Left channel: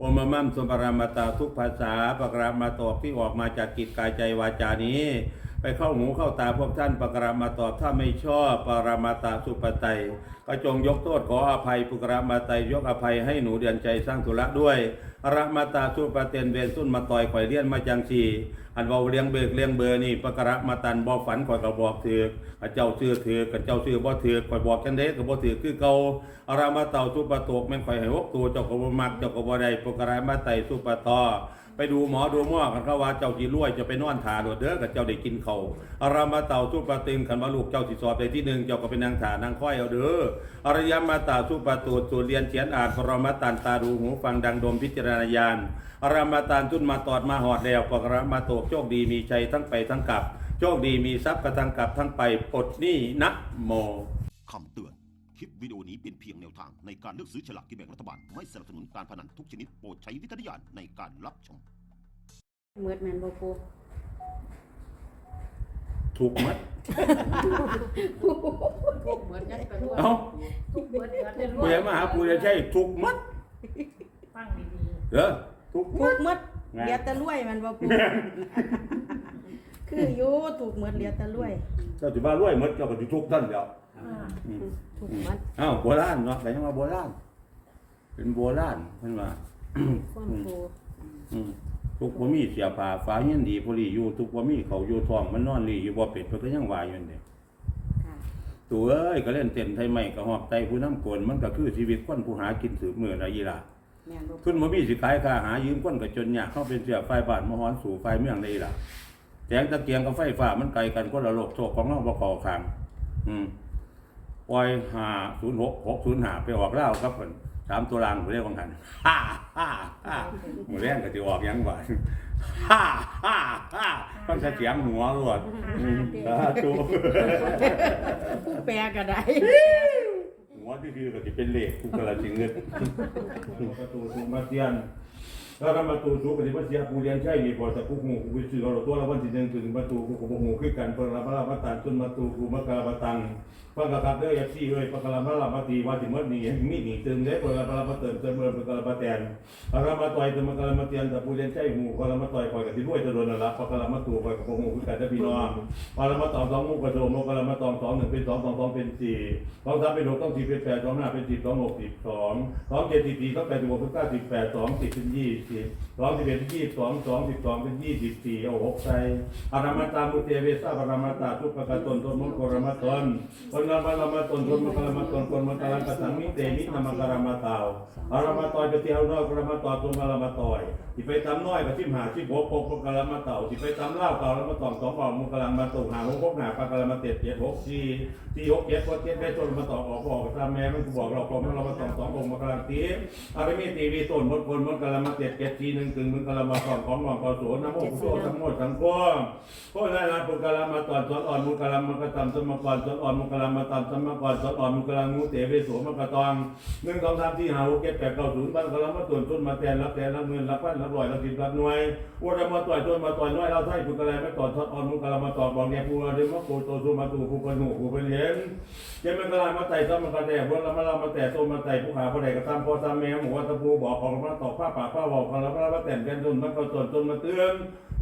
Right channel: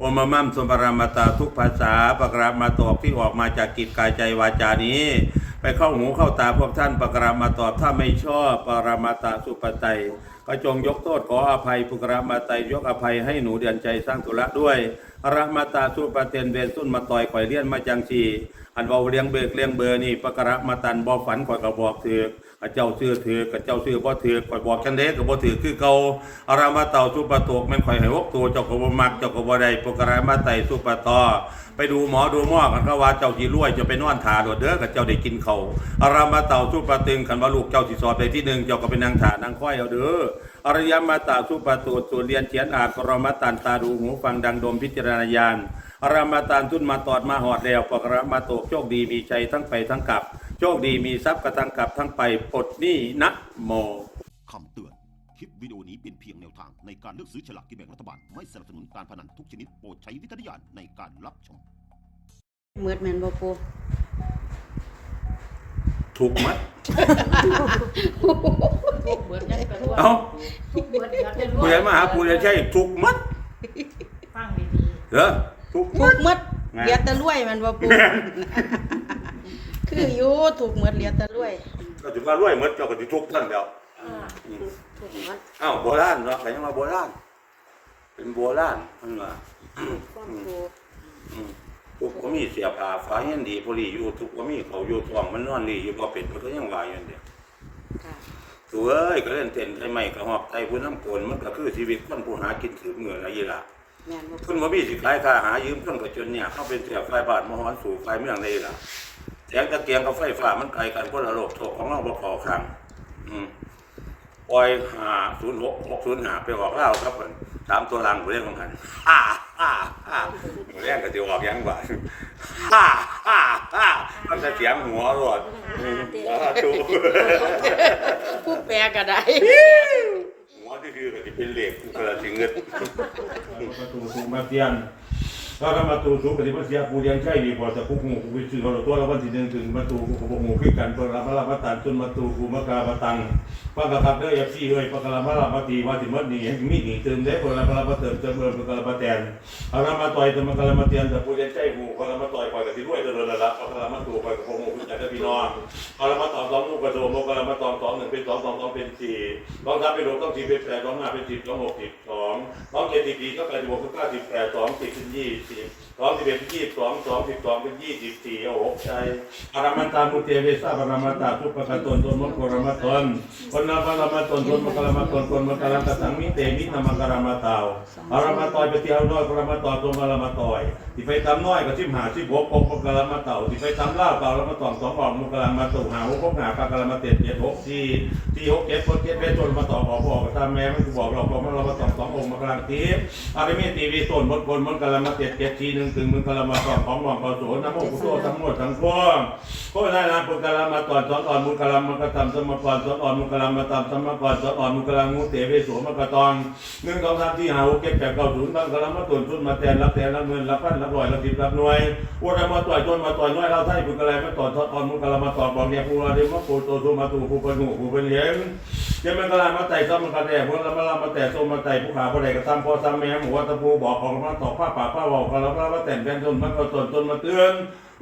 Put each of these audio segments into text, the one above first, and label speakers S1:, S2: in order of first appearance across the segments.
S1: โอมมัมสมปรามาตาทุกภาษาปกรามาตอบที่ออกมาจากกิจกายใจวาจานี้ ไปเข้าหูเข้าตาพวกท่านปกรามาตอบถ้าไม่ชอบปรามาตาสุปไตยก็จงยกโทษขออภัยปุกรามาตายยกอภัยให้หนูเดือนใจสร้างธุระด้วยอรามาตาสุปเตนเวนสุนมาต่อยข่อยเลี้ยนมาจังชี อันเบาเลี้ยงเบิกเลี้ยงเบอร์นี่ปกรามาตันบ่ฝันข่อยก็บอกถือกเจ้าซื้อถือกกับเจ้าซื้อบ่ถือกข่อยบอกกันเด้ก็บ่ถือคือเก่าอารามาเต่าสุปโตกแม่นข่อยให้หกตัวเจ้าก็บ่มักเจ้าก็บ่ได้ปกรามาไตสุปะตอไปดูหมอดูหมอกันเขาว่าเจ้าจีรวยจะไปนอนถาโดดเด้อกับเจ้าได้กินเขาอารามาเต่าสุปาตึงขันว่าลูกเจ้าสิสอบไปที่หนึ่งเจ้าก็ไปนางถานางค่อยเอาเด้ออารยมาตาสุปาตูสูตรเรียนเขียนอ่านปรมาตันตาดูหูฟังดังดมพิจารณาญาณ รามาตานทุนมาตอดมาหอดแล้วปกรมาโตกโชคดีมีชัยทั้งไปทั้งกลับ โชคดีมีทรัพย์กระทั้งกลับทั้งไปปลดหนี้นะโม
S2: คำเตือน คลิปวิดีโอนี้เป็นเพียงแนวทางในการเลือกซื้อฉลากกินแบ่งรัฐบาล ไม่สนับสนุนการพนันทุกชนิดโปรดใช้วิจารณญาณในการรับชม
S3: เมือดแม่นบ่ปู
S1: ถูกมัด
S4: เบิดยังกันว่า
S1: เอ้า
S4: เบิดยังกัน
S1: ผู้ใหญ่มาหาผู้ใหญ่ใช่ถูกมัด
S4: ฟังดี
S1: เหรอ ถูก
S3: ถู
S1: มัด
S3: กหมด
S1: ไง
S3: เหลียแตะรวยแม่นบ่ปูคืออยู่ถูกหมดเหลียแตะรวย
S1: ก็ถือว่ารวยหมดเจ้าก็สิทุกข์ท่านเดียว
S4: ๆ
S1: อืม
S3: ถูกหมด
S1: อ้าวโบราณเนาะแต่ยังว่าโบราณเป็นโบราณเพิ่นว่า
S3: ความปู
S1: อืมทุกบ่มีเสียผ้าฟ้าเฮียนดีพอดีอยู่ทุกบ่มีเขาอยู่ท้องมันนอนดีอยู่บ่เป็นเพิ่นก็ยังว่าอยู่นั่นเด้อ
S3: ค่ะ
S1: ตัวเอ้ยก็เล่นเต้นไทยใหม่ก็ฮอกไตผู้น้ำโกนมันก็คือชีวิตคนผู้หากินถือมือละยีล่ะ
S3: แม่นบ่
S1: ทุนบ่มีสิขายค่าหายืมคนก็จนยากเข้าเป็นเสียไฟบ้านมาฮ้อนสู่ไฟเมืองได้ล่ะแสงตะเกียงกับไฟฟ้ามันไกลกันคนละโลกโชคของเราบ่เข้าข้างอืมปล่อยหาศูนย์หกหกศูนย์หาไปออกเล่าครับเพิ่นสามตัวรางผู้เรียกของกันฮ่าฮ่าฮ่าผู้เรียกก็จะออกหยังบ่าฮ่าฮ่าฮ่ามันจะเสียงหัวรวดสาธุ
S3: ผู้แปลก็ได้
S1: หัวที่คือก็จะเป็นเหล็กกูกระสิเงิดประตูสูงมาเตียน ถ้าทำประตูสูงก็สิบ่เสียกูเรียนใช่ดีกว่าแต่กูหูกูไปซื้อเอาตัวละวันที่หนึ่งถึงประตูกูก็บ่หูคือกันเปิดรับรับมาตันจนประตูกูมากาบตังปากกะครับเด้อ FC เอ้ยปากกะละมาละมาตีว่าสิหมดนี่ให้มีหนี่เติมได้เพิ่นละมาละมาเติมเติมเพิ่นปากกะละมาแตนเอาละมาต่อยเติมปากกะละมาเตียนแต่ผู้เรียนใจหูปากกะละมาต่อยข่อยก็สิรวยตลอดนั่นล่ะปากกะละมาตู่ข่อยก็บ่ฮู้คือกันเด้อพี่น้องเอาละมาตอบสองหมู่กระโดดปากกะละมาตอบสองหนึ่งเป็นสองสองสองเป็นสี่สองสามเป็นหกต้องสี่เป็นแปดสองห้าเป็นสิบสองหกสิบสองสองเจ็ดสิบสี่สองแปดสิบหกสิบเก้าสิบแปดสองสิบเป็นยี่สิบ สองสิบเอ็ดเป็นยี่สิบสองสองสิบสองเป็นยี่สิบสี่เอาหกใจอารามันตามุเตเวสาบารามาตาทุปกะตนตนมนโกรามาตนคนนาบารามาตนตนมกรามาตนคนมกรามาตังมิเตมิตามกรามาตาวอารามาตอยปเที่ยวน้อยกรามาตอยตัวมารามาตอยที่ไปตำน้อยก็ชิมหาชิบหกปกมกรามาเต่าที่ไปตำล่าเต่ารามาตองสองออกมกรามาตุหาหกหกหาปากรามาเต็ดเจ็ดหกสี่ที่หกเจ็ดคนเจ็ดเป็นต้นมาต่อบอกบอกถ้าแม่มันบอกเราบอกมันเรามาตองสององค์มกราตีอาริมีตีวีต้นมดคนมกรามาเต็ดเจ็ดสี่หนึ่งถึงมึงกรามาตองของหลวงพ่อโสนโมกุโตทั้งหมดทั้งปวงโคได้ลาปุกลามาตอนสอนอ่อนมุกลามักตำสมกรสอนอ่อนมุกลามาตำสมกรสอนอ่อนมุกลางูเตเวโสมกตองหนึ่งสองสามสี่ห้าหกเจ็ดแปดเก้าศูนย์บางกลามาตวนทุนมาแทนรับแทนรับเงินรับพันรับร้อยรับสิบรับหน่วยวัวมาต่อยจนมาต่อยน้อยเราไทยปุกลามาตอนสอนอ่อนมุกลามาตอนบอกเนี่ยผู้เราเดมะโกโตสุมาตูผู้ปนุผู้เป็นเลี้ยงเจ้ามันกลามาไต่ซ้อมมันกระแดพวกเรามาลามาแต่โซมาไต่ผู้ขาผู้ใดก็ตามพอซ้ำแม่หัวตะปูบอกของมาตอกผ้าป่าผ้าเบาของเรามาแต่งเป็นจนมันก็ตนจนมาเตือน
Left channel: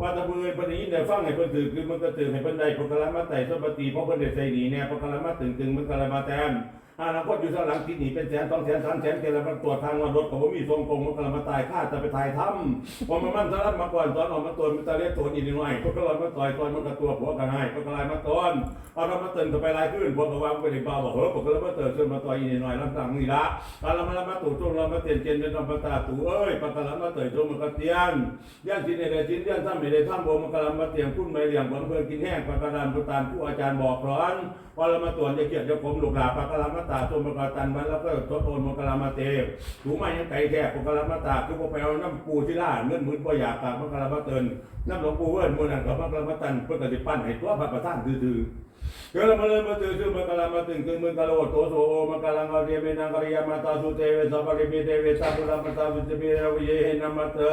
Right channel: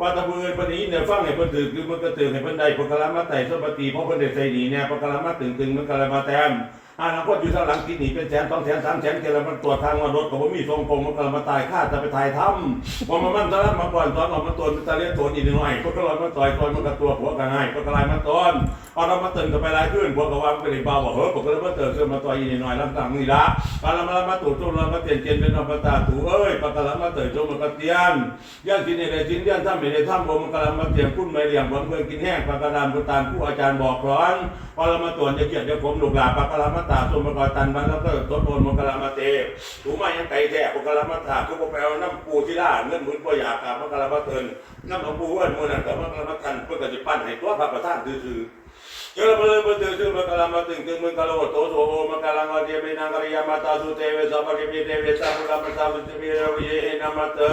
S1: ว่าตะบือปนี้เนี่ยฟังให้เพิ่นถือคือมันก็ตื่นให้เพิ่นได้ปกะลามาไต่สมปฏิเพราะเพิ่นได้ใส่หนีแน่ปกะลามาตึงตึงมันกะลามาแต้ม อนาคตอยู่ทางหลังที่หนีเป็นแสนสองแสนสามแสนเกละมันตรวจทางว่ารถก็บ่มีทรงกงมันกะละมาตายค่าจะไปถ่ายทำว่ามันมันตะละมาก่อนตอนออกมาตนมันตะเลียนตนอีกหน่อยก็กะละมาต่อยตอนมันก็ตัวผัวกันให้ก็กะละมาตอนเอาเรามาเตึงกันไปหลายขึ้นพวกก็วางไปในเบาบอกเฮ้ยปกะละมาเติมขึ้นมาต่อยอีกหน่อยลำต่างนี่ละกะละมามาตู่ตุ้มละมาเตียนเจนเป็นนอมตะตู่เอ้ยปกะละมาเติมจมันก็เตียนย่านกินในใดกินย่านถ้ำในใดถ้ำบ่มันกำลังมาเตรียมคุ้นไม่เหลี้ยงบ่เพื่อกินแห้งปากกระดานประตานผู้อาจารย์บอกร้อนพอเรามาตรวจจะเกียรติจะผมหลูกหลาปากกะลามาตาสมมกตันมันแล้วก็ทดโอนมกลามาเตถูมายังไก่แท้ปากลามาตาคือบ่ไปเอาน้ำปูที่ล่าเงินหมื่นบ่อยากามกลามาเตินน้ำหลวงปู่เอิ้นมือนั้นก็มันกลามาตันเพิ่นก็สิปั้นให้ตัวพระประธานซื่อเดี๋ยวเรามาเริ่มาตื่นชื่อมกลามาตึงตึงมึงกะโลโตโสโอมกะลังวะเดียเมนังกริยามาตาสุเตเวสัพพะกิปิเตเวสัพพุรามาตาสุเตเวรวิเยหินามาตา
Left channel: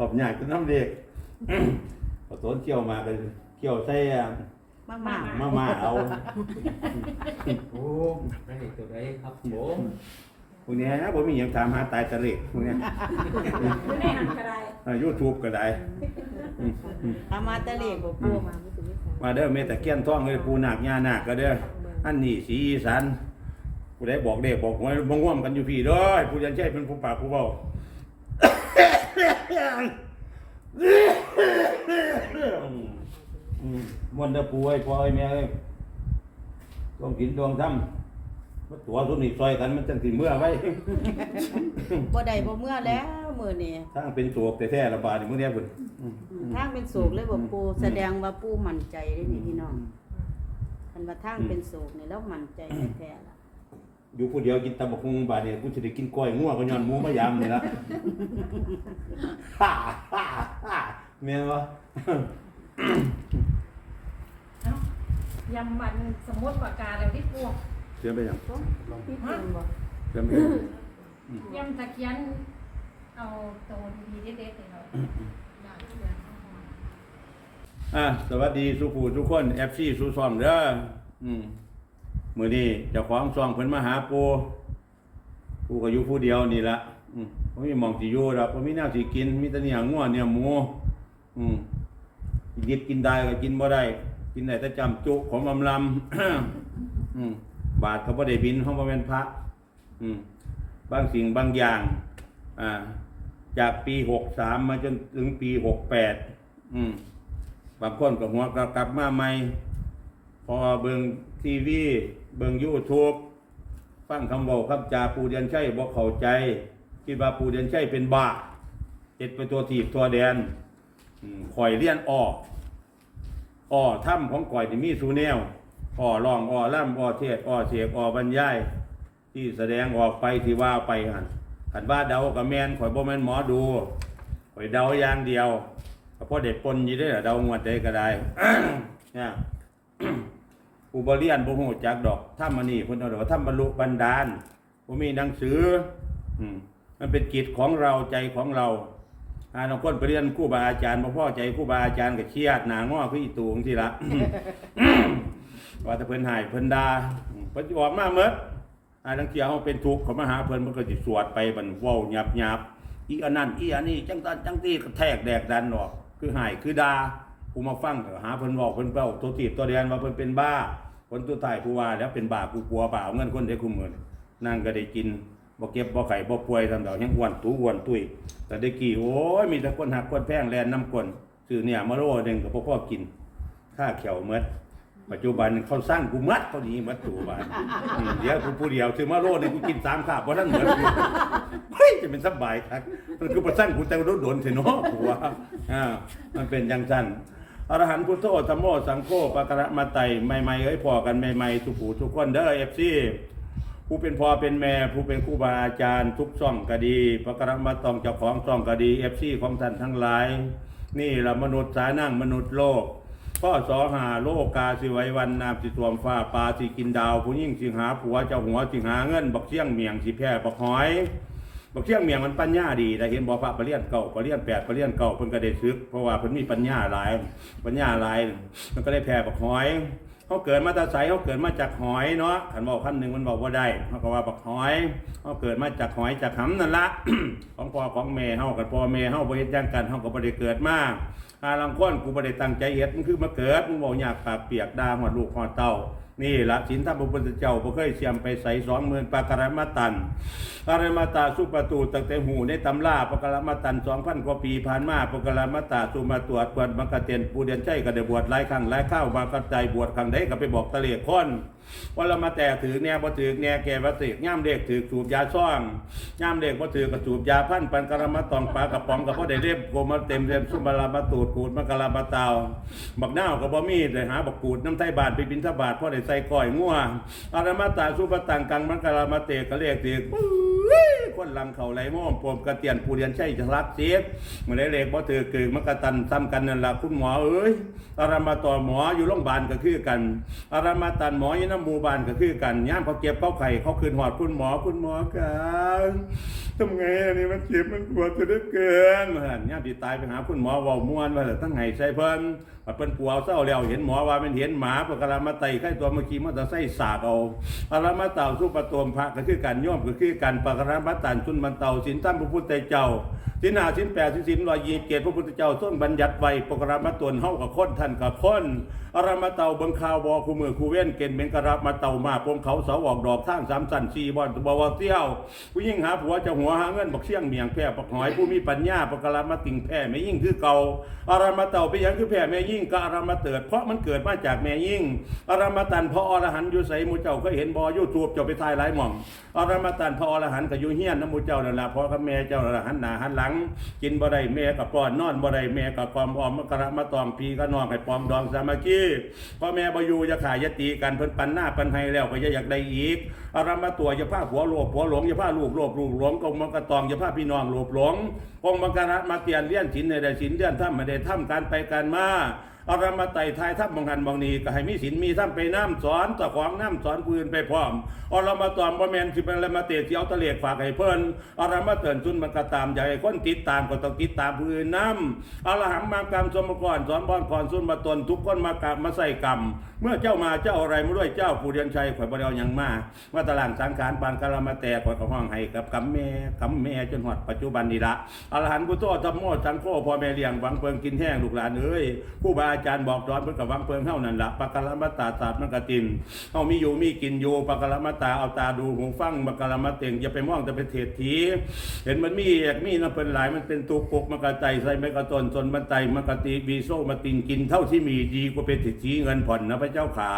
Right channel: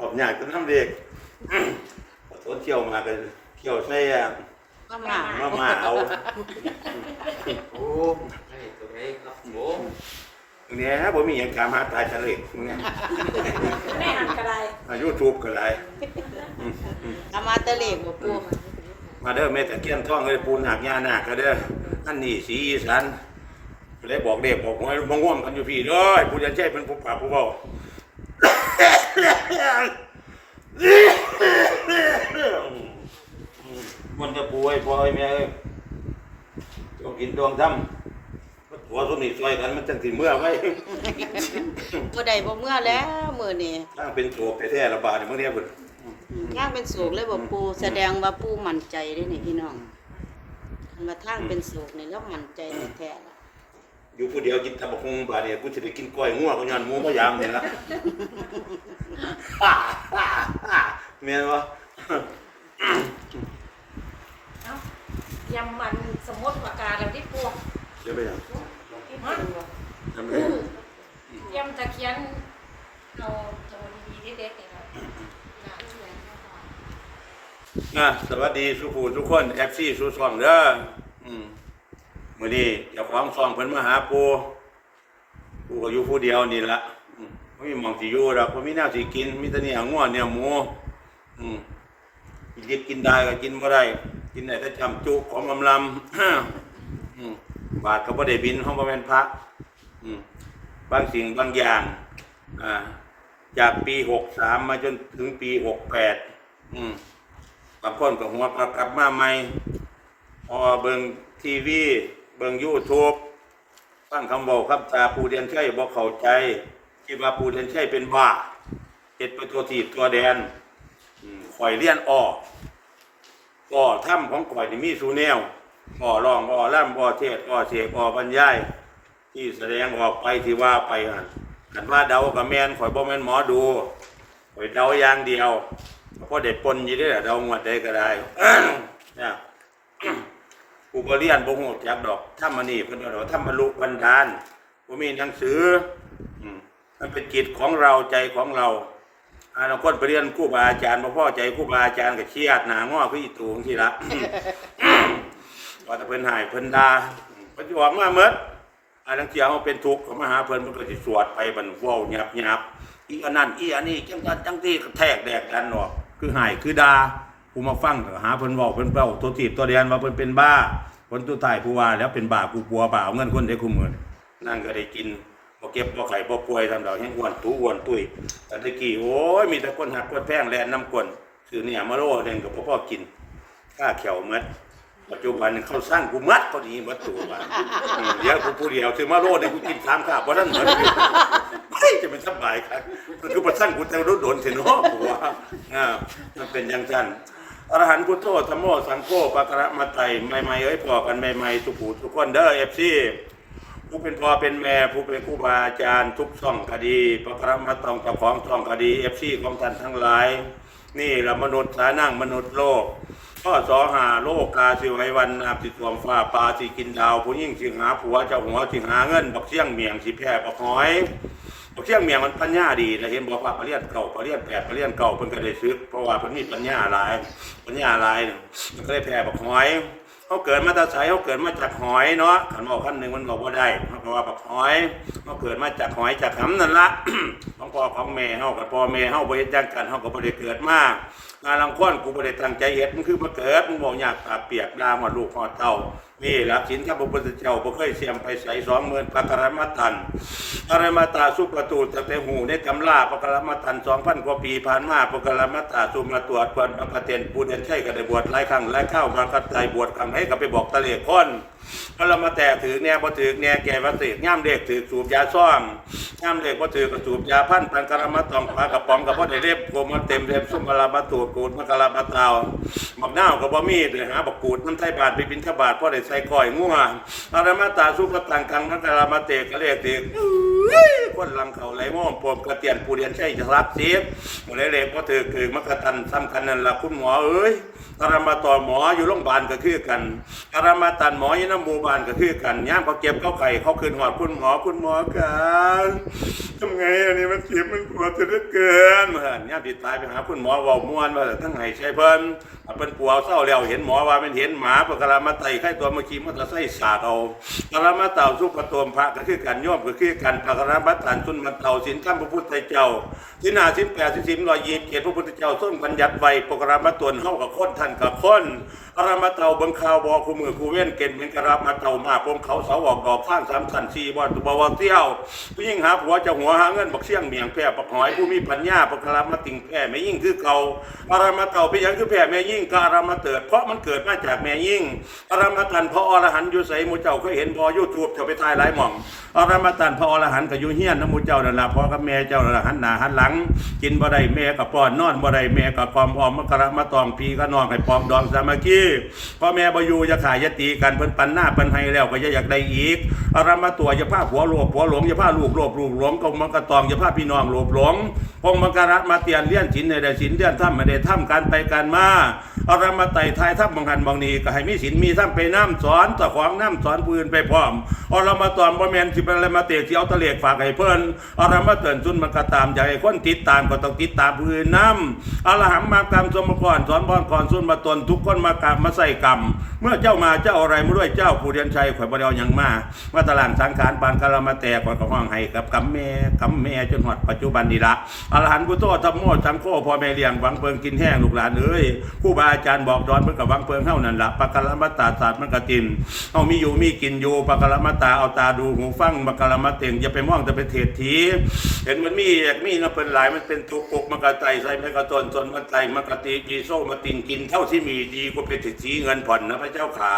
S1: รวิโสริยโตพุทธังเปรตมังเปรตังกังเปรเปรปรปัตตะสุตังเปรวิโสปรปัตตะสิมิโตพุทโธเปิดธัมโมเปิดสังโฆเปิดนาเปิดโมเปิดยาเปิดติมังโกมังกังโตนังกัตเตพุทธังเปรตมังเปรตังกังเปรเปรเตเปรเตเปรมาตังกังมังกังออกยากจนทำเด็กขอโทษเที่ยวมากันเที่ยวใส่อะ
S3: มามา
S1: มามาเอา
S5: โอ้ได้ตัวไหนครับผม
S1: มึงเนี้ยผมมีอย่างถามหาตายทะเลมึงเนี้ย
S4: ไม่หันกระไร
S1: ยูทูบก็ได้
S3: อามาตะเลกบ่ปู
S1: มาเด้อแม่ตะเกียนท่องเลยปูนาคยานาคก็เด้ออันนี้สีอีสานผู้ใดบอกเด็กบอกหวยมาง่วมกันอยู่พี่เด้อผู้ยันใช่เป็นผู้ป่าผู้เบาอื มมันจะปูไอ้พ่อไอ้แม่เอ้ยต้องกินดวงทำมันตัวสุนี่ซอยกันมันจังสิเมื่อไว้
S3: บ่ได้บ่เมื่อแล้วมื้อนี้
S1: ทางเป็นโศกแท้ๆระบาดนี่มื้อเนี้ยเพิ่น
S3: ทางเป็นสูกเลยบ่ปูแสดงว่าปูมั่นใจเด้นี่พี่น้องคันว่าทางเป็นสูกนี่แล้วมั่นใจแท้ๆล่ะ
S1: อยู่ผู้เดียวกินตำบักหุ่งบาดเนี่ยกูสิได้กินกล้อยงัวก็ย้อนหมูมายามนี่ล่ะแม่นบ่
S4: ยำมันสมมติปากกาแล้วที่ปวก
S1: เชื่อไปยัง
S4: ที่เป็นบ่
S1: จำไป
S4: ยำตะเคียนเอาตัวดีๆเด็ดๆนี่ครับ
S1: อะสวัสดีสุผู้ทุกคน FC สุซ่องเด้ออืม มื้อนี้เจ้าของซองเพิ่นมาหาปูปูก็อยู่ผู้เดียวนี่ละอืมบ่มีมองสิอยู่ดอกบ่มีแนวสิกิน มีแต่เนื้องัวเนื้อหมูอืมกินดิบกินได้ก็กินบ่ได้ กินได้แต่จำจุของอำลำอืมบาทก็บ่ได้บินเฮาบ่แม่นพระอืมบางสิ่งบางอย่างอ่าจากปี63มมาจนถึงปี68อืมบางคนก็หัวก็กลับมาใหม่ พอเบิ่งทีวี เบิ่งยูทูบฟังคำบอกคำจาปูเดียนชัยบอกเข้าใจ คิดว่าปูเดียนชัยเป็นบ้าเฮ็ดไปตัวทีบตัวแดนข่อยเลี้ยนออกอ้อถ้ำของข่อยนี่มีสูแนวอ้อร้องอ้อล่ำอ้อเทศอ้อเสกอ้อบรรยาย ที่แสดงออกไปที่ว่าไปหั่นกันว่าเดากับแมนข่อยบ่แม่นหมอดูข่อยเดาอย่างเดียวเพราะเด็ดปนยี่ได้เรางวดได้ก็ได้เนี่ย อุบรียนบ่ฮู้จักดอกถ้ามานี่เพิ่นเอาถ้าบรรลุบันดาลบ่มีหนังสืออืมมันเป็นจิตของเราใจของเราอ่าเราคนไปเรียนครูบาอาจารย์บ่พอใจครูบาอาจารย์ก็เครียดหนางอคืออีตูงซี่ละว่าถ้าเพิ่นหายเพิ่นดาเพิ่นสิออกมาหมดอาลังเที่ยเฮาเป็นทุกข์เขามาหาเพิ่นเพิ่นก็สิสวดไปบันเว้าหยับๆอีอันนั้นอีอันนี้จังซั่นจังซี่ก็แทกแดกดันออกคือหายคือดา ผู้มาฟังหาเพิ่นเว้าเพิ่นเว้าตัวทีบตัวแดนว่าเพิ่นเป็นบ้าผลตัวท้ายผู้ว่าแล้วเป็นบ้ากูกลัวบ้าเอาเงินคนได้คุมเงินนั่นก็ได้กินบ่เก็บบ่ไข่บ่ป่วยทำดอกแห้งอ้วนตู้อ้วนตุ้ยแต่ตะกี้โอ้ยมีแต่คนหักคนแพงแลนน้ำกลนคือเนี่ยมาโลหนึงก็บ่พอกินค่าเขียวหมดปัจจุบันเขาสร้างกูมัดเขาดีมัดตัวว่าเดี๋ยวกูผู้เดียวถือมาโลดเนี่ยกูกินสามข้าวเพราะนั้นเหมือนอยู่เฮ้ยจะเป็นสบายครับมันคือประสร้างกูแต่รถโดนเถอะเนาะกูว่าอ่ามันเป็นอย่างนั้น อรหันต์พุทโธธรรมโมสังโฆปะกระมาไตใหม่ๆเอ้ยพอกันใหม่ๆสุขูทุกคนเด้อเอฟซีผู้เป็นพ่อเป็นแม่ผู้เป็นครูบาอาจารย์ทุกช่องก็ดีปะกระมาตองเจ้าของช่องก็ดีเอฟซีของท่านทั้งหลาย นี่ละมนุษย์สานั่งมนุษย์โลกข้อสอหาโลกกาสิไววันน้ำสิสวมฟ้าปลาสิกินดาวผู้ยิ่งสิหาผัวเจ้าหัวสิหาเงินบักเสี่ยงเมียงสิแพร่บักหอย บักเสี่ยงเมียงมันปัญญาดีแต่เห็นบอกว่าปรริญญาเก่าปรริญญาแปดปรริญญาเก่าเพิ่นก็ได้ซึกเพราะว่าเพิ่นมีปัญญาหลายปัญญาหลายมันก็ได้แพร่บักหอยเขาเกิดมาตาใสเขาเกิดมาจากหอยเนาะขันบอกขั้นหนึ่งมันบอกว่าได้เขาก็ว่าบักหอยเขาเกิดมาจากหอยจากหำนั่นละของพ่อของแม่เฮากับพ่อแม่เฮาบ่เฮ็ดจังกันเฮาก็บ่ได้เกิดมาอาลังค้อนกูบ่ได้ตั้งใจเฮ็ดมันคือมาเกิดมึงบอกอยากปากเปียกด่าหอดลูกหอดเต้า นี่หลักศีลธรรมพระพุทธเจ้าบ่เคยเสียมไปใส่สองหมื่นปากรมาตันอารมาตาสุประตูตั้งแต่หูในตำราปากรมาตันสองพันกว่าปีผ่านมาปากรมาตาสุมาตรวจควรมากระเตนปูเดียนใช่ก็ได้บวชหลายครั้งหลายข้าวมากระจายบวชครั้งใดก็ไปบอกตะเลคอนว่าเรามาแต่ถือแน่บ่ถือแน่แก่วัติย่ามเด็กถือสูบยาซ่องย่ามเด็กบ่ถือก็สูบยาพันปันกรมาตองปลากระป๋องก็บ่ได้เล็บโกมาเต็มเล็บสุมาลาบาตูดกูดมากะลาบาตาวบักนากับ่มีเลยหาบักกูดน้ำไทยบาทไปบินทบาทพ่อได้ใส่ก้อยงัวอารมาตาสุปตังกังมกะลามาเตกกระเรียกติ คนลังเขาไหลม่อมปมกระเตียนปูเรียนใช่จะรักเสียมื้อเล็กบ่ถือคือมกะตันซ้ำกันนั่นละคุณหมอเอ้ยอารามาต่อหมออยู่โรงพยาบาลก็คือกันอารามาตันหมออยู่น้ำหมู่บ้านก็คือกันย่ามเขาเจ็บเขาไข้เขาคืนหอดคุณหมอคุณหมอกันทำไงอันนี้มันเจ็บมันปวดจะเหลือเกินมาหั่นย่ามที่ตายไปหาคุณหมอว้ามวนว่าทั้งไห้ใช่เพิ่นว่าเพิ่นปัวเศร้าแล้วเห็นหมอว่ามันเห็นหมาปกรามาไตไข้ตัวเมื่อกี้มันจะใส่สากเอาอารามาเต่าสุปโตมพระก็คือกันโยมก็คือกันปกรามาตันสุนมันเตาสินตั้มพระพุทธเจ้า สินหาสินแปดสินสิบร้อยยี่สิบเจ็ดพระพุทธเจ้าส้นบัญญัติไว้ปกรามาตวนเฮากับคนท่านกับคนอารามาเตาบิงข่าวบอคูมือคูเว้นเก่นเป็นกระรับมาเตามาปมเขาเสาออกดอกทางสามสันสี่บอลตัวบวเที่ยวผู้ยิ่งหาผัวจะหัวหาเงินบักเสี่ยงเมียงแพร่ปักหอยผู้มีปัญญาปกระมาติงแพร่แม่ยิ่งคือเก่าอารามาเตาไปยังคือแพร่แม่ยิ่งกอารามาเติด เพราะมันเกิดมาจากแม่ยิ่งอารามาตันพระอรหันต์อยู่ใสหมูเจ้าเคยเห็นบอยูทูบเจ้าไปทายหลายหม่องอารามาตันพระอรหันต์ก็อยู่เฮียนน้ำมูเจ้านั่นละพอกับแม่เจ้านั่นละหันหน้าหันหลังกินบ่ได้แม่กับป้อนนอนบ่ได้แม่กับกอมออมมะกระมาตองพีก็นองให้ปองดองสามัคคีพ่อแม่บ่อยู่อย่าขายยตีกันเพิ่นปันหน้าปันให้แล้วก็อย่าอยากได้อีกอารมาตัวอย่าพาผัวหลภผัวหลงอย่าพาลูกหลบลูกหลงกงมังกะตองอย่าพาพี่น้องหลบหลงพงมังกระมาเตียนเลี้ยนฉินในได้สินเลี้ยนถ้ำไม่ได้ถ้ำการไปการมา อารามาไต่ทายทับบางหันบางนีก็ให้มีศีลมีธรรมไปน้ำสอนตะขวางน้ำสอนปืนไปพร้อมอารามาตอนบ่แมนสิเป็นอะไรมาเตะที่เอาตะเลกฝากให้เพิ่นอารามาเตือนซุนมันก็ตามให้คนติดตามก็ต้องติดตามผู้อื่นนำอารหังมากรรมสมก่อนสอนบอนก่อนซุนมาตนทุกคนมากรรมมาใส่กรรมเมื่อเจ้ามาเจ้าอะไรมาด้วยเจ้าผู้เรียนชัยข่อยบ่ได้เอาหยังมาว่าตารางสังขารปานกะละมาแต่ข่อยก็ห้องให้กับกำแม่กำแม่จนฮอดปัจจุบันนี้ละอรหันต์พุทโธธัมโมสังโฆพ่อแม่เลี้ยงหวังเพิงกินแห้งลูกหลานเอ้ยครูบาอาจารย์บอกสอนเพิ่นก็หวังเพิงเฮานั่นละปะกะละมตาศาสตร์มันก็ตินเฮามีอยู่มีกินอยู่ปะกะละมตาเอาตาดูหูฟังปะกะละมเต็งอย่าไปมองแต่ไปเทศทีเห็นมันมีอยากมีนะเพิ่นหลายมันเป็นตัวกกมันก็ไตใส่แม่กระตนตนมันไตมันกะติวีโซมาตินกินเท่าที่มีดีกว่าเป็นสิทธิเงินผ่อนนะพระเจ้าขา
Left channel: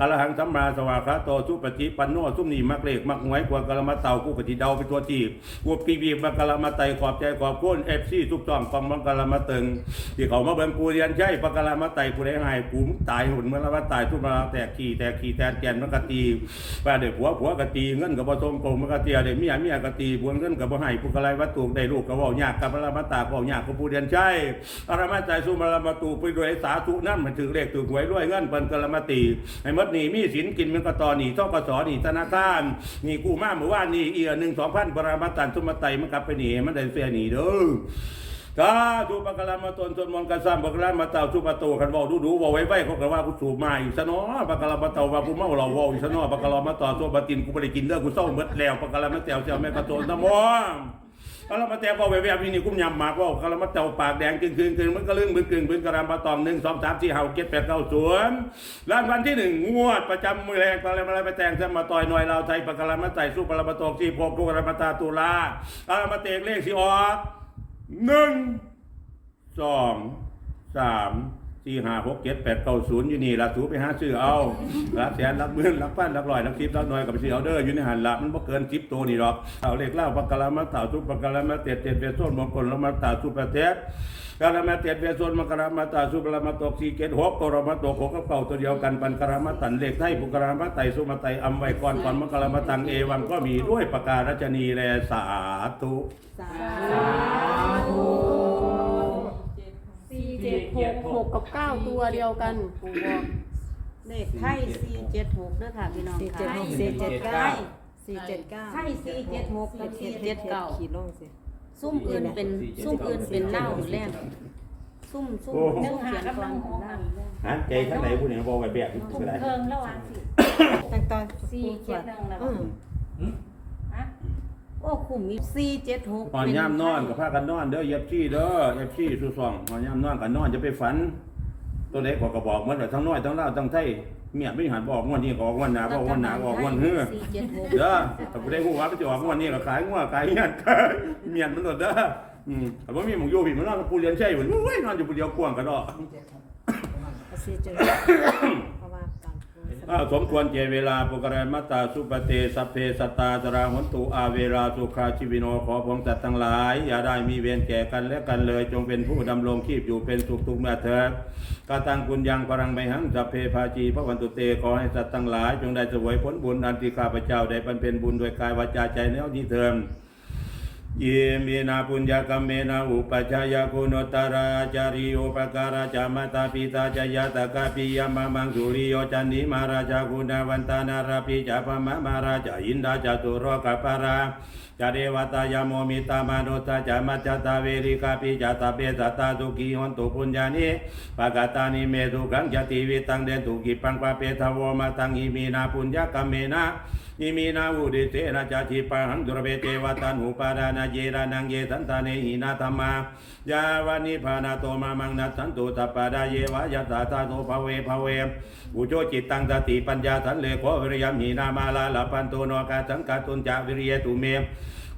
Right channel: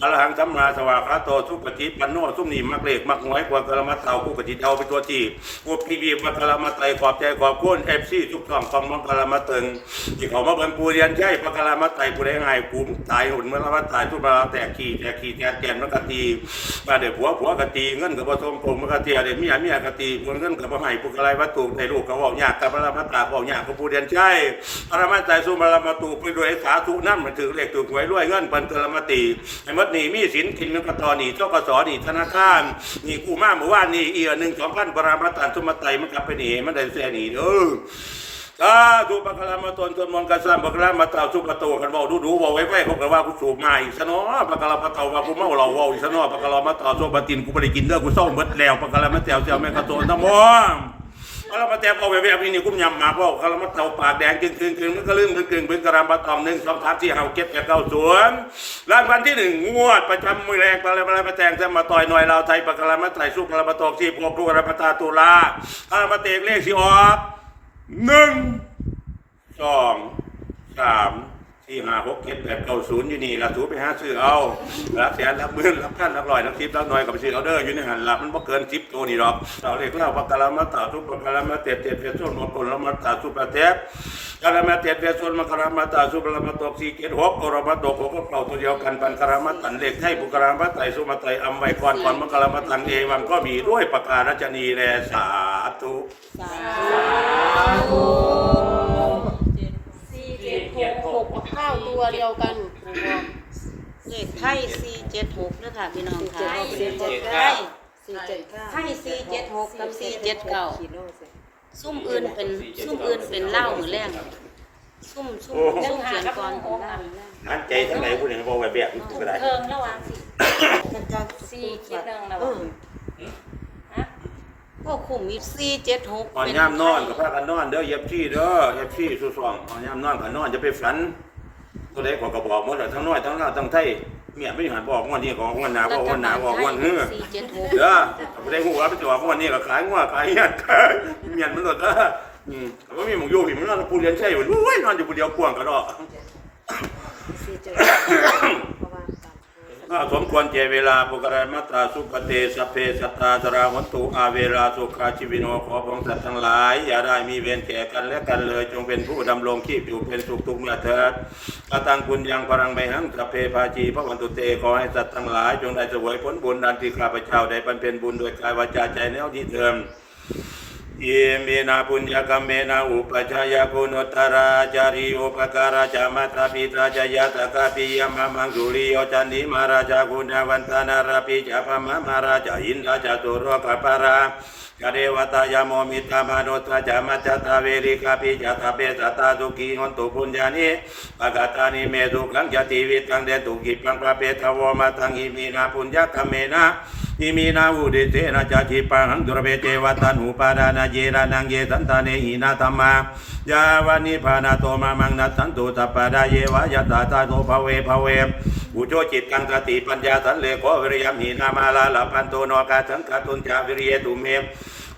S1: อรหังสัมมาสวากขาโตสุปฏิปันโนสุมนีมักเลกมักหวยกว่ากะละมาเตากูกจิตเอาไปตัวจีบกูกีบีมากะละมไตขอบใจขอบคุณเอฟซีทุกช่องกองมังกะละมเตึงที่เขามาเบิ่งกูเรียนใช่ปะกะละมาไตกูได้ไงกูตายหุ่นเมื่อละมาตายทุบมาแตกขี้แตกขี้แตกแกนมันกะตีว่าเดี๋ยวผัวผัวกะตีเงินกับบ่ทงโกงมันกะเตียเดี๋ยวเมียเมียกะตีผัวเงินกับบ่ให้ผู้กะไรวัตถุได้ลูกก็เว้ายากกับละมาตาเว้ายากกับผู้เรียนใช่อรมาไตสุมาละมาตูไปด้วยสาธุนั่นมันถือเลขถือหวยรวยเงินปันกะละมาตีให้มดหนี่มีสินกินมันก็ต่อหนีเท่ากับสอหนีธนาคารหนี่กู้มาเมื่อวานนี่เอียหนึ่งสองพันปรามาตันสมไตมันกลับไปหนีมันได้เสียหนีเด้อ ถ้าดูปะกะลามาตนตนมองกระซ้ำปะกะลามาเต่าสุปะโตคันเว้าดูดูเว้าไว้ไว้เขาก็ว่ากูสูบมาอีกซะเนาะปะกะลามาเต่าว่ากูเมาเหล้าเว้าอีกซะเนาะปะกะลามาต่อโซบะตินกูบ่ได้กินเด้อกูเศร้าเหมดแล้วปะกะลามาแต้วเจ้าแม่กระโตนตะมองเอาละมาแต้เอาแวบๆนี่กุ้มยำหมากว่าคารามาเต่าปากแดงกึ่งกึ่งกึ่งมันก็ลืมกึ่งกึ่งเป็นกระรำปลาตองหนึ่งสองสามสี่ห้าเจ็ดแปดเก้าศูนย์รางวัลที่หนึ่งงวดประจำมือแรงปลาอะไรปลามาแตงจะมาต่อยหน่อยเราไทยปลากระมาไต่สู้กระมาตอกสี่พวกกระมาตาตุลาอามาเตกเลขสี่ออก หนึ่งสองสามสี่ห้าหกเจ็ดแปดเก้าศูนย์อยู่นี่ละสูไปหาซื้อเอารับแสนรับหมื่นรับพันรับร้อยรับสิบรับหน่อยกับไปซื้อเอาเด้ออยู่ในหันละมันบ่เกินสิบตัวนี่หรอกเอาเลขเล่าปากกาลามาต่าทุกปากกาลามาเต็ดเต็ดเต็ดส้นมงคลละมาต่าสุประเทศ กาลามาเต็ดเต็ดส้นมกรามาต่าสุปรามาตกสี่เจ็ดหกกรามาตกหกก็เก่าตัวเดียวกันปันกรามาตันเลขไทยปุกรามาไตสุมาไตอัมไวก่อนก่อนมกรามาตังเอวังก็มีด้วยประการัชนีแลสาธุ
S3: สาธุ
S4: สี่
S6: เจ็
S4: เจ็
S6: ด
S4: ด
S6: หกหกกับเก้าตัวเดียวกันปู่บอก
S3: เลขไทย476นะคะพี่น้อง
S6: สี่เจ็ด
S3: ค่ะ
S6: หกสี่เจ็ดเก้าสี่เจ็ดเก้า
S3: ไทย476กับ479
S6: ขีดลงสิ
S3: ซุ่มอื่นเป็นซุ่มอื่นเป็นเหล้าหรือแรงซุ่มซุ่ม
S1: โอ้
S3: ซุ่มเสียงก่อนเป็นเหล้า
S1: หาใจทั้งไหนผู้หนึ่งบอกไว้แบบนี้ก็ได้
S4: เพิ่มระหว่างสี่
S6: แต่ตอน
S4: สี่เจ็ดหนึ่งแล้ว
S6: เออ
S4: ฮะ
S3: โอ้คุ้มมีสี่เจ็ดหก
S1: อ่อนย่ามนอนกับพากันนอนเด้อเย็บชี่เด้อเย็บชี่สู้ซองอ่อนย่ามนอนกับนอนจะไปฝัน ตัวเล็กกว่ากระบอกหมดเลยทั้งน้อยทั้งเล่าวทั้งไทย เมียไม่หันบอกงวดนี้ก็ออกงวดหน้าบอกงวดหน้าบอกงวดเฮือ
S3: สี่เจ็ดหก
S1: เด้อแต่บ่ได้ฮู้ว่าไปจะออกงวดนี้ก็ขายงัวขายเฮียนขายเมียนมันโลดเด้ออืมแต่ว่ามีหมองอยู่พี่มันนอนผู้เรียนใช่อยู่โอ้ยนอนอยู่ผู้เดียวกวางก็ดอก
S6: สี่เจ็ด ส
S1: มควรเจเวลาปุกรมัตตาสุปเตสเพสตาจราหันตุอาเวลาสุขาชีวิโนขอพงสัตว์ทั้งหลาย อย่าได้มีเวรแก่กันและกันเลย จงเป็นผู้ดำรงชีพอยู่เป็นสุขทุกเมื่อเถิดกตังคุณยังพรังไมหังสัพเพภาจีพระวันตุเตขอให้สัตว์ทั้งหลาย จงได้สวยผลบุญดันที่ข้าพเจ้าได้บำเพ็ญบุญโดยกายวาจาใจแนวที่เทิม เยเมนาปุญญกรรมเมนาอุปชายกุณตราจาริอุปการาจามาตาปิตาจายาตกาปิยมะมังสุริโยจันนิมาราชากุณวันตานาราปิจาพมมาราชาอินทราจตุโรกปาราจาเดวตายโมมิตามนุตจามัจจตาเวริกาปิจตาเปสตาสุขีหนตุปุญญานิปากาตานิเมตุกังจติวิตังเดตุกิปังปะเปทวมาตังอิมีนาปุญญกรรมเมนะ อิมีนาอุดิเตนะจาจิปังดุรเบเจวัตันหุปาดานาเจรานังเยสันตาเนหินาธรรมายาวานิพานาโตมามังนัสันตุสัปปะดาเยวายตาตาโนภเวภเวอุโจจิตตังสติปัญญาสันเลโกวิริยมหินามาลาลาปันโตนกาสังกาตุนจาวิริยตุเม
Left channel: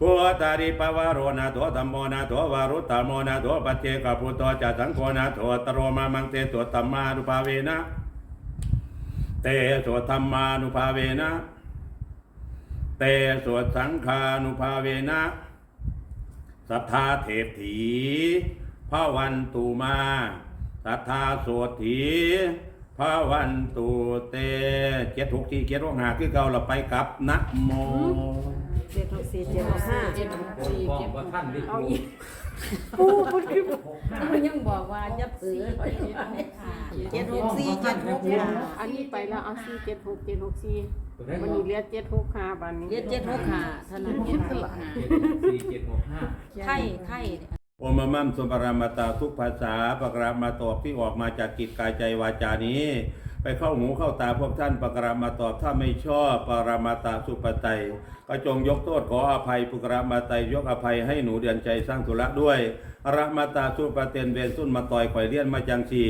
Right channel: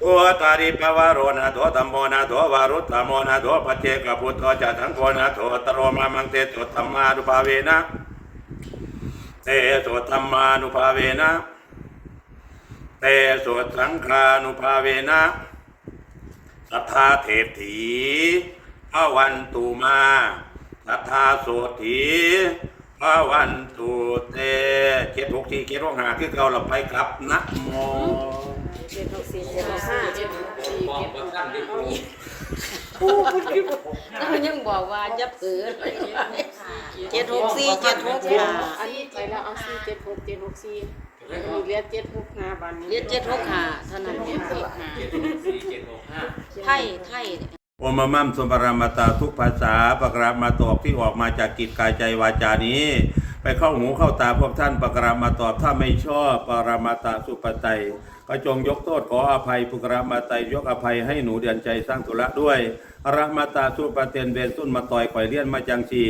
S1: โอตาริปวารโรนาโตตัมโมนาโตวารุตตโมนาโตปัจเจกพุทโธจาสังโฆนาโตตโรมามังเตโตตัมมานุภาเวนะเตโสธรรมานุภาเวนะ เตสวดสังฆานุภาเวนะสัทธาเทพถีพระวันตุมาสัทธาโสถีพระวันตุเตเจ็ดหกที่เจ็ดหกห้าคือเก่าเราไปกลับนะโม
S6: เจ็ดหกสี่เจ็ดหกห้า
S5: บอกว่าท่านดิ
S6: เอาอีก
S3: มันยังบอกว่าจะเผือเจ็ดหกสี่เจ็ดหกห้า
S6: อันนี้ไปแล้วเอาสี่เจ็ดหกเจ็ดหกสี่ วันนี้เรียกเจ็ดหกห้าบันนี้
S3: เจ็ดเจ็ดหกห้าเท่านั้นเจ็ดหกห้า
S5: เจ็ดหกสี่เจ็ดหกห้า
S3: ไทยไทย
S1: โอมมัมสมปรามาตาทุกภาษาปกรามาตอบที่ออกมาจากกิจกายใจวาจานี้ ไปเข้าหูเข้าตาพวกท่านปกรามาตอบถ้าไม่ชอบปรามาตาสุปไตยก็จงยกโทษขออภัยปุกรามาไตยยกอภัยให้หนูเดือนใจสร้างธุระด้วยอรามาตาสุปเตนเวนสุนมาต่อยข่อยเลี้ยนมาจังสี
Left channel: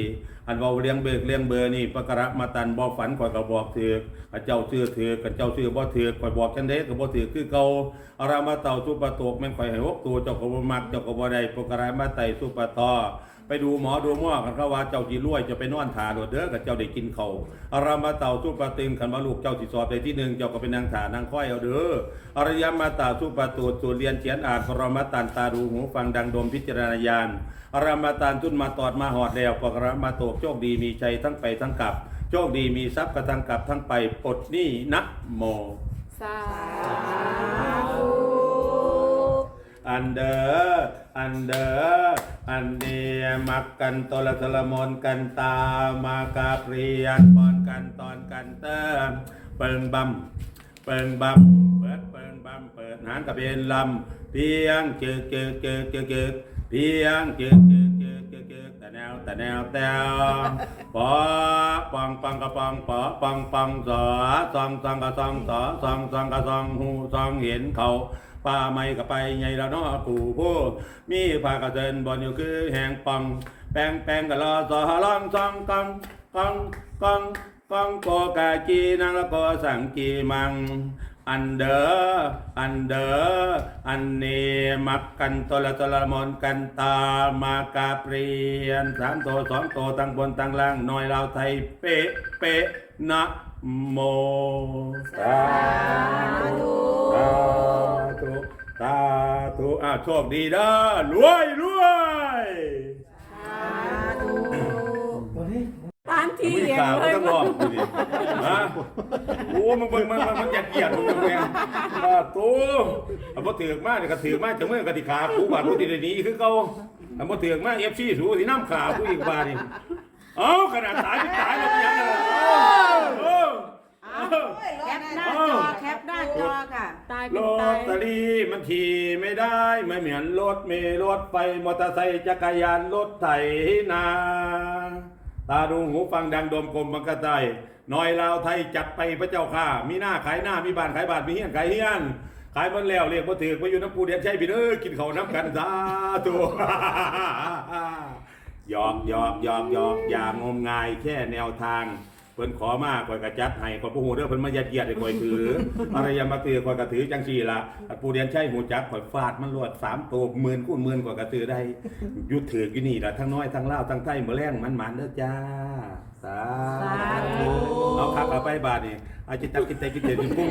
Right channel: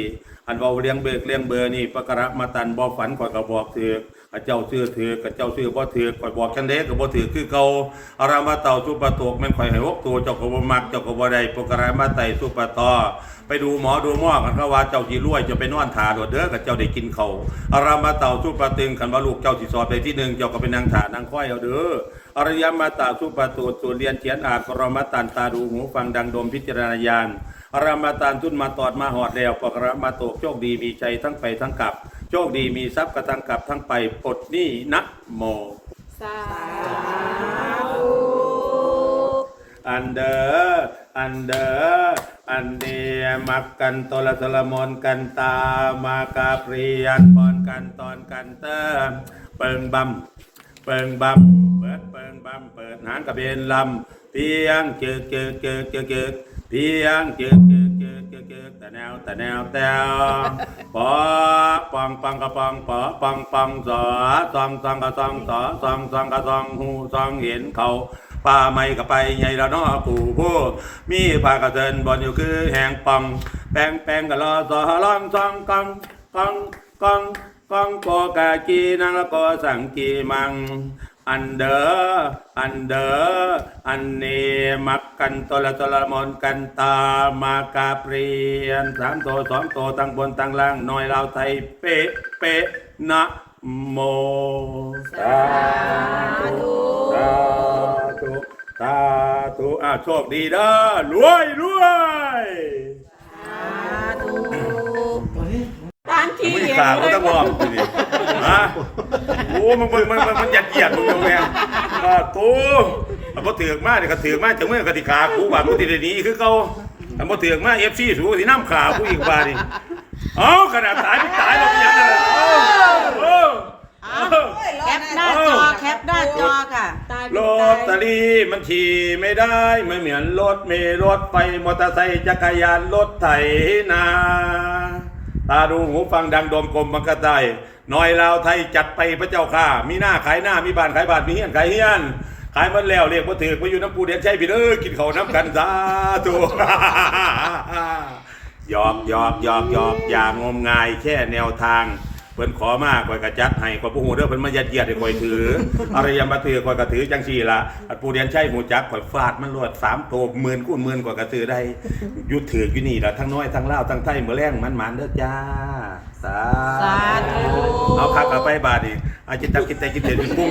S1: อันเบาเลี้ยงเบิกเลี้ยงเบอร์นี่ปกรามาตันบ่ฝันข่อยก็บอกถือ กข้าเจ้าซื้อถือกข้าเจ้าซื้อบ่ถือกข่อยบอกจังเด้ก็บ่ถือคือเก่าอารามาเต่าสุปโตกแม่นข่อยให้หกตัวเจ้าก็บ่มักเจ้าก็บ่ได้ปกรามาไตสุปตอไปดูหมอดูหมอกันเขาว่าเจ้าจีรวยจะไปนอนถาโดดเด้อกับเจ้าได้กินเขาอารามาเต่าสู้ปลาตึงขันว่าลูกเจ้าสิสอบได้ที่หนึ่งเจ้าก็ไปนางถานางค่อยเอาเด้ออารยมาตาสู้ปลาตูดสูตรเรียนเขียนอ่านปรมาตันตาดูหูฟังดังดมพิจารณาญาณอารามาตานทุนมาตอดมาหอดแล้วปกรมาโตกโชคดีมีชัยทั้งไปทั้งกลับ โชคดีมีทรัพย์กระทังกลับทั้งไปปลดหนี้นะโม
S6: สา
S1: อันเดออันเดออันเดียมักกันตละสละมนกันตามากาเปรียนปอนกันตอนกันเติมเปิงบำเปิงบำเปิดเปิงบำเปิดหางกระเบนลำเตียงเจอเจอเจอเจอเจอเตียงเจอเจอ เจอเจอเจอแต่แนวแต่แนวแต่ปอปองปองกระปองปอปองปองสอซองซองกระซองสอซองซองกระซองหูซองเห็นเขาป่าไม่ก็ไปใหญ่ละเนาะปู่ผู้มีปากระเซินบอนอยู่คือแหงปังแปงแปงกะลอสอลองซองกังกังกังกังโกกากีนางละโกสังกีมัง อันเดออันเดออันเนมักกันตละตละมอนกันตามากาเปรียนสามโตสองโตตั้งบนตั้งล่างน้อยเราไทยเป๊ะเป๊ะนะโมสาธุสาธุสาธุอะโชคดีเด้อรวยรวย
S6: มที่
S1: มึง
S6: เห็น
S1: ขา
S6: เล
S1: ก็
S6: ย
S1: ต้องบอกกูดิฮะโอ้มึงมึงมึงมึงมันหยัดเยียดมึงยังไงมาตูเอาพอถือกมาเนี่ยก็ถือกมาจังเมื่อกติขากูว่ากูติดหนีคือเขาถ้าพอถือกมาเอฟซีสูสิน้ำขากูอีกบาดิเอ้าขนาดตายไม่ตายหรอกยังไงเอ้าเอ้าเอ้า
S3: แคปหน้าจอแคปหน้าจอค่ะ
S6: ตาย
S1: ร
S6: เป็น
S1: ถ
S6: ตาย
S1: ตะลีมันขี่ไม่ได้ไม่เหมือนรถเมล์รถไฟมอเตอร์ไซค์จักรยานรถไถนา ตาดูหูฟังดังโดมกลมมันก็ได้น้อยลาวไทยจัดไปพระเจ้าค่ะมีหน้าขายหน้ามีบ้านขายบ้านมีเฮียนขายเฮียนขายมันแล้วเรียกว่าถือมาอยู่น้ำปูเดียนใช่พี่เอ้อกินเขาน้ำกันสาธุหยอกหยอกหยอกหยอกอย่างมงายแค่แนวทาง เพิ่นขอมาข่อยก็จัดให้ข่อยบ่ฮู้เด้อเพิ่นมายัดเยียดให้ข่อยถือ อะไรยามมาถือข่อยก็ถือจังซี่ล่ะอันปู่เรียนใช้หูจักข่อยฟาดมันรวด3โตหมื่นคูณหมื่นกว่าก็ถือได้อยู่ถืออยู่นี่ล่ะทั้งน้อยทั้งลาวทั้งไทยมื้อแรงมันหมานเด้อจ้าสา
S3: สาธุ
S1: เอาคักเอาไปบาดนี่อาจจะตักกินแต่กินแต่เป็นปุ้ง